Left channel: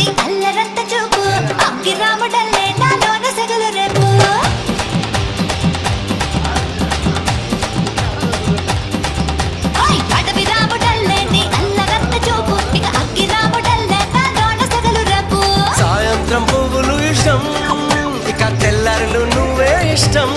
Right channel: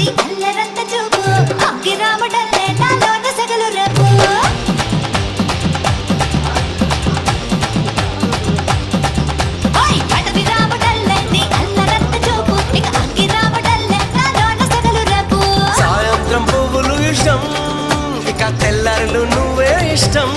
నీ అల్లరంత చూపు అగ్గి రాముడల్లే నాలోన సగలు రేపు ఓయ్ అడవి రాముడల్లే నీ అల్లరంత చూపు ఇక అగ్గి రాముడల్లే నాలోన సగలు రేపు సాయంత్రం పువ్వులు ఇష్టం ఇక తెల్లారులు నువ్వే ఇష్టం